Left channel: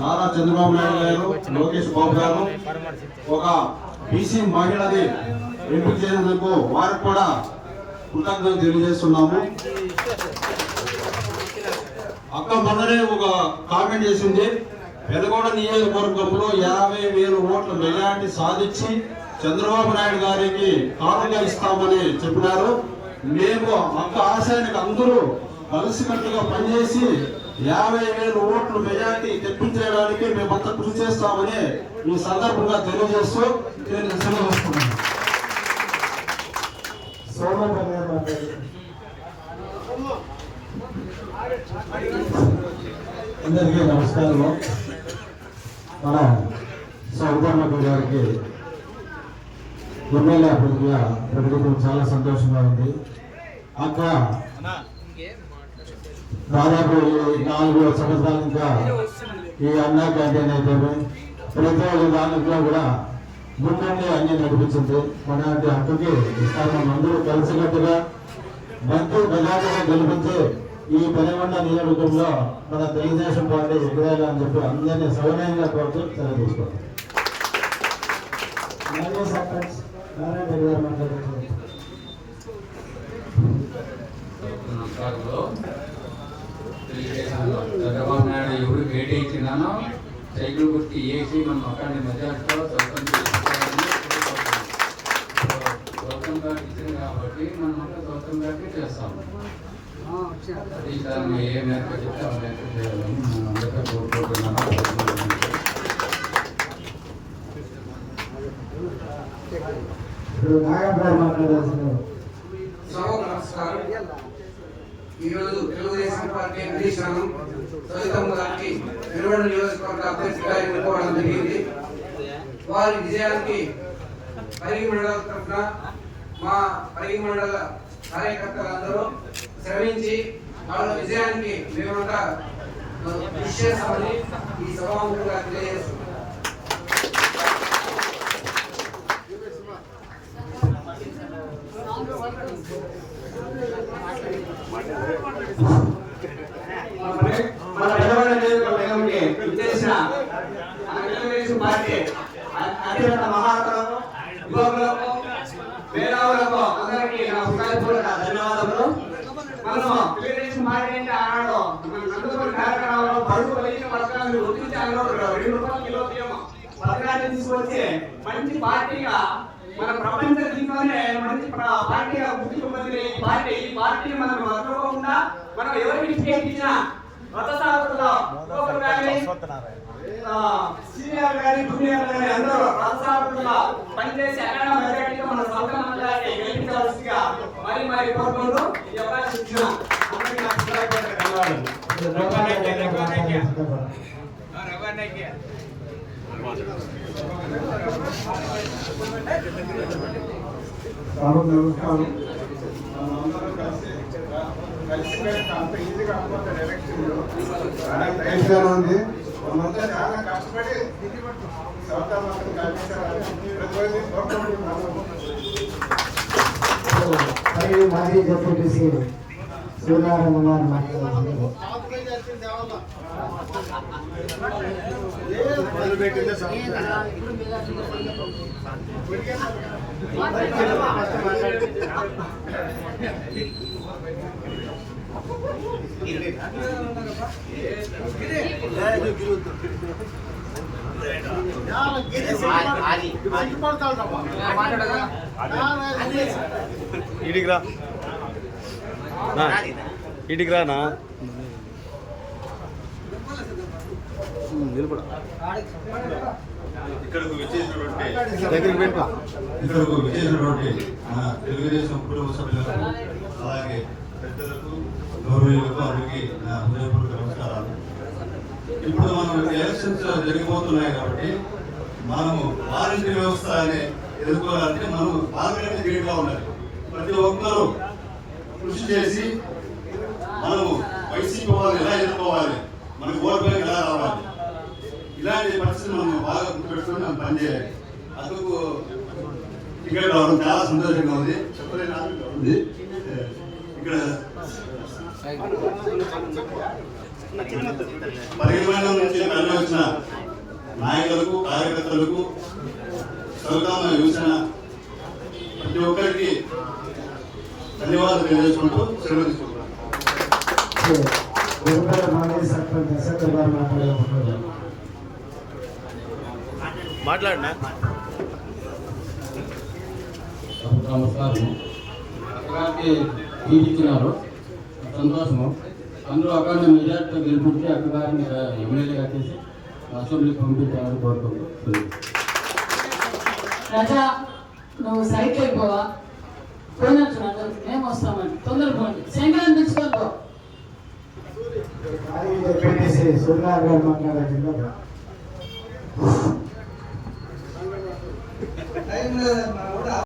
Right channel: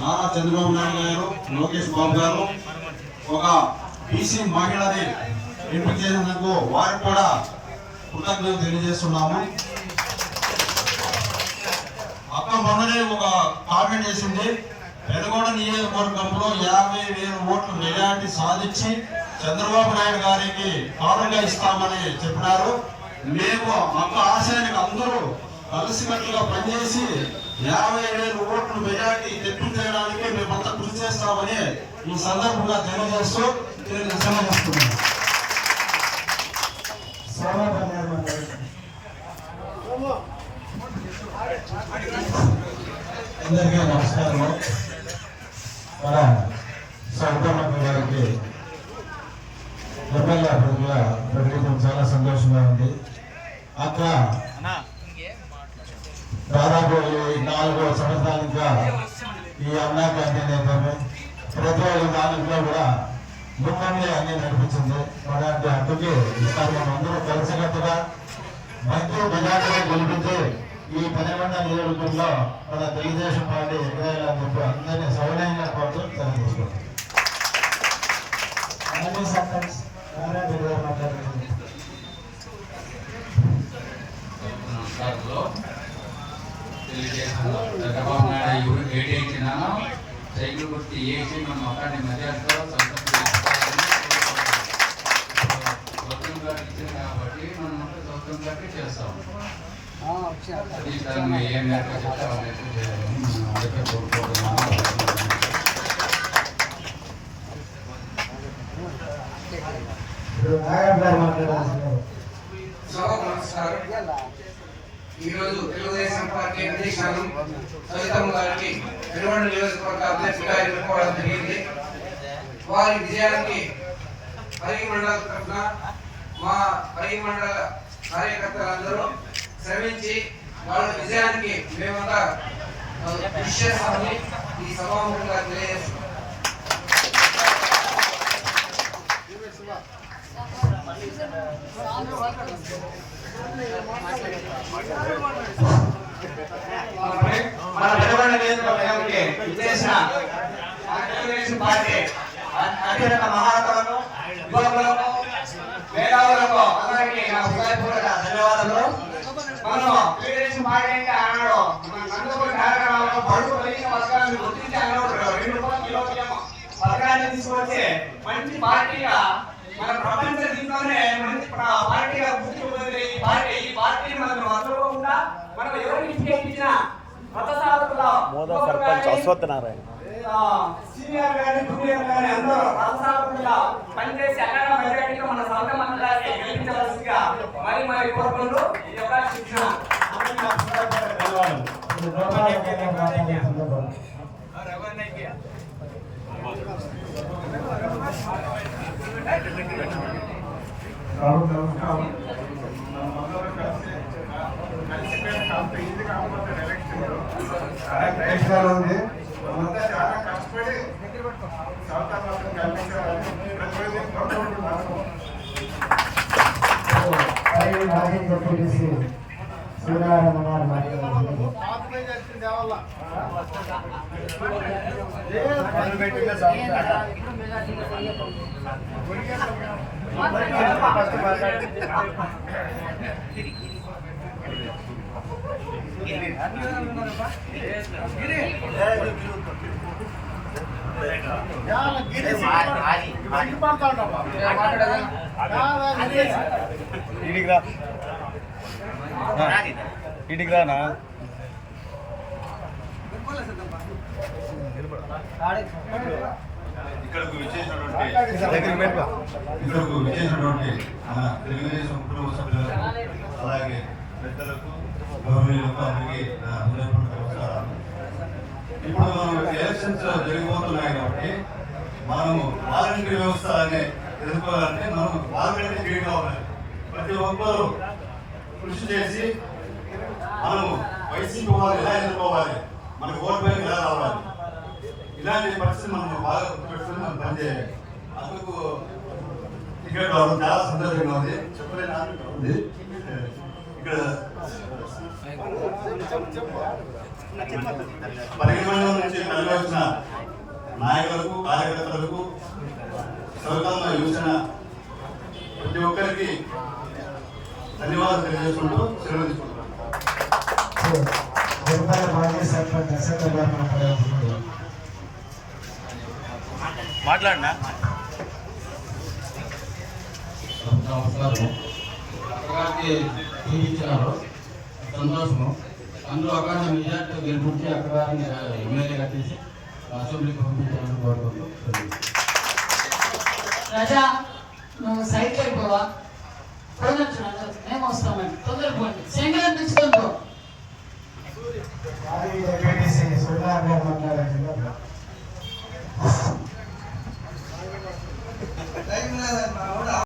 నారా చంద్రబాబు నాయుడు గారు, లోకేష్ బాబు గారు ఒక బీసీ మహిళని ఎంపిక చేసినందుకు వారికి కూడా కృతజ్ఞతలు తెలియజేస్తున్నాము. అక్క మొన్ననే ఒక కామెంట్ చేసింది, పెదగొండ నియోజకవర్గంలో 50,000 ఓట్ల మెజారిటీ సాధించి చంద్రబాబు నాయుడు గారికి కానుగా ఇస్తామని చెప్పినారు. మేము అక్క ఆశయానికి అందరూ కలిసికట్టుగా పనిచేసి 50,000 ఓట్ల మెజారిటీ తెప్పించడానికి మేమంతా కృషి చేస్తామని ఈ సందర్భంగా తెలియజేస్తూ తెలియజేస్తున్నాం. అందరికీ నమస్కారం. మన సౌదమ్మకు గారికి ఎమ్మెల్యే అభ్యర్థిగా ప్రకటించడం చాలా సంతోషంగా ఉంది. అక్క దాదాపు 4 సంవత్సరాలుగా ఈ అన్నా క్యాంటీన్ అయితే ప్రతి ఒక్క దానిలో కూడా ముందుండి అన్ని నడిపించింది. మన అక్కకి అందరూ కలిసికట్టుగా మంచి మెజార్టీగా గెలిపించి ఈ పెదగొండ నియోజకవర్గంలో మన తెలుగుదేశం పార్టీ ఎగరాలి అని చెప్పి అందరినీ సౌజన్యంగా కోరుతూ తెలియజేసుకుంటాం. చంద్రబాబు నాయుడు ఎవరు కేటాయించినా సైకిల్ గుర్తి వేసి మన మొక్కని మెజార్టీతో సొంతం చేసుకోవాలని సొంతంగా ఇచ్చింది కాబట్టి మనం సొంతంగా చేస్తాము. ఈసారి ఏ మేరకు చెప్తే ఆ మేరకు చేయాలని మనం అందరికీ కోరుకుంటున్నాము. ఈరోజు తెలుగుదేశం పార్టీ అధ్యక్షులు సవితమ్మ గారికి పెదగొండ నియోజకవర్గ అధ్యక్షుడిగా ఎన్నుకోవడం జరిగింది. వారి విజయానికి పరిగి మండల తరఫున మా పరిగి మండల కార్యకర్తలందరూ శ్రమించి వాళ్ళ విజయానికి మేమంతా కృషి చేస్తామని ఈ సభాముఖంగా తెలియజేస్తున్నాం. మన పెదగొండ నియోజకవర్గానికి విచ్చేసిన మన తెలుగుదేశం పార్టీ అత్యంత మహారథులకు, యువకులకు, మేధావులకు అందరికీ నా హృదయపూర్వక ధన్యవాదాలు. మనము తెలుగుదేశం పార్టీ అంటే ఆనాడు మన నందమూరి కార్యక్రమంలో బడుగు బలహీన వర్గాలను గుర్తించి అన్నప్పుడు 2 రూపాయల కిలో బియ్యం పథకాన్ని తీసుకొచ్చి మంచి పార్టీగా మన ప్రపంచ దీంట్లోనే మంచి పార్టీగా గుర్తింపు పొందిన ఈ పార్టీ మనం మర్చిపోకుండా మనం ఎవరికి విజయించినా రథ సారథుల్లో సీనియర్ కానీ జూనియర్ కానీ అందరూ రథ సారథుల్లో పనిచేసి అక్కడ మెజార్టీలో మన సొంత మండలాన్ని గెలిపించవలసిందిగా మరీ కోరుకుంటూ ఈ అవకాశం ఇచ్చిన ఉంది. చాలా కష్టపడి మాజీ డిప్యూటీ సూర్యనారాయణ మాట్లాడుతున్నారు. ఇడిగిరానా ఇక్కడకు విచ్చేసినటువంటి మన తెలుగుదేశం కుటుంబ సభ్యులకు, అలాగే పెద్దలకు, గౌరవీయులకు అందరికీ నా హృదయపూర్వక నమస్కారాలు. ఇప్పుడు మనం ఎలక్షన్స్ జరిగిపోతున్నాయి కాబట్టి మనము వాలంటీర్ వ్యవస్థ అనే ఎదుర్కోవాలంటే మనం వాలంటీర్ గేట్గా ఉండాలి. ప్రతి ఒక్కరూ కృషి చేసి మనము వైసీపీ వాళ్ళు ఎలా ఎదుర్కోవాలి, మనకు ఓటు బ్యాంక్ ఎలా రావాలి, ఇలాంటి పరిస్థితి మనం బాగా గుర్తుపెట్టుకుని మనం పనిచేయాలి. అందుకు టికెట్ రావడం చాలా సంతోషంగా ఉంది. చెప్పలేని ఉంది ఇక్కడ పరిగి మండలం నుంచి తరలి వచ్చిన నాయకులకు కార్యకర్తలకు సౌకర్యమై చూసిన ప్రతి ఒక్కరికి ధన్యవాదాలు తెలియజేసుకుంటూ సెలవు తీసుకుంటున్నాం. మాజీ సర్పంచ్ నరసింహ గారు మాట్లాడాలనుకుంటున్నారు. మాట్లాడినా నమస్కారం. అక్కడికి తీర్చినారు సంతోషము. అందులో అక్కడ మెజార్టీ గెలిపించి అక్కడ ఎమ్మెల్యే కట్టేసి అసెంబ్లీ పంపించాలని కోరుకుంటున్నాను. రాజా నువ్వు సైట్ అయిపోవా పోయినట్టు మేము వస్తామని తొందరపోండి సంక్రాంతించుకొని పో. మాజీ జెడ్పీటీసీ సురేంద్ర గారు మాట్లాడారు.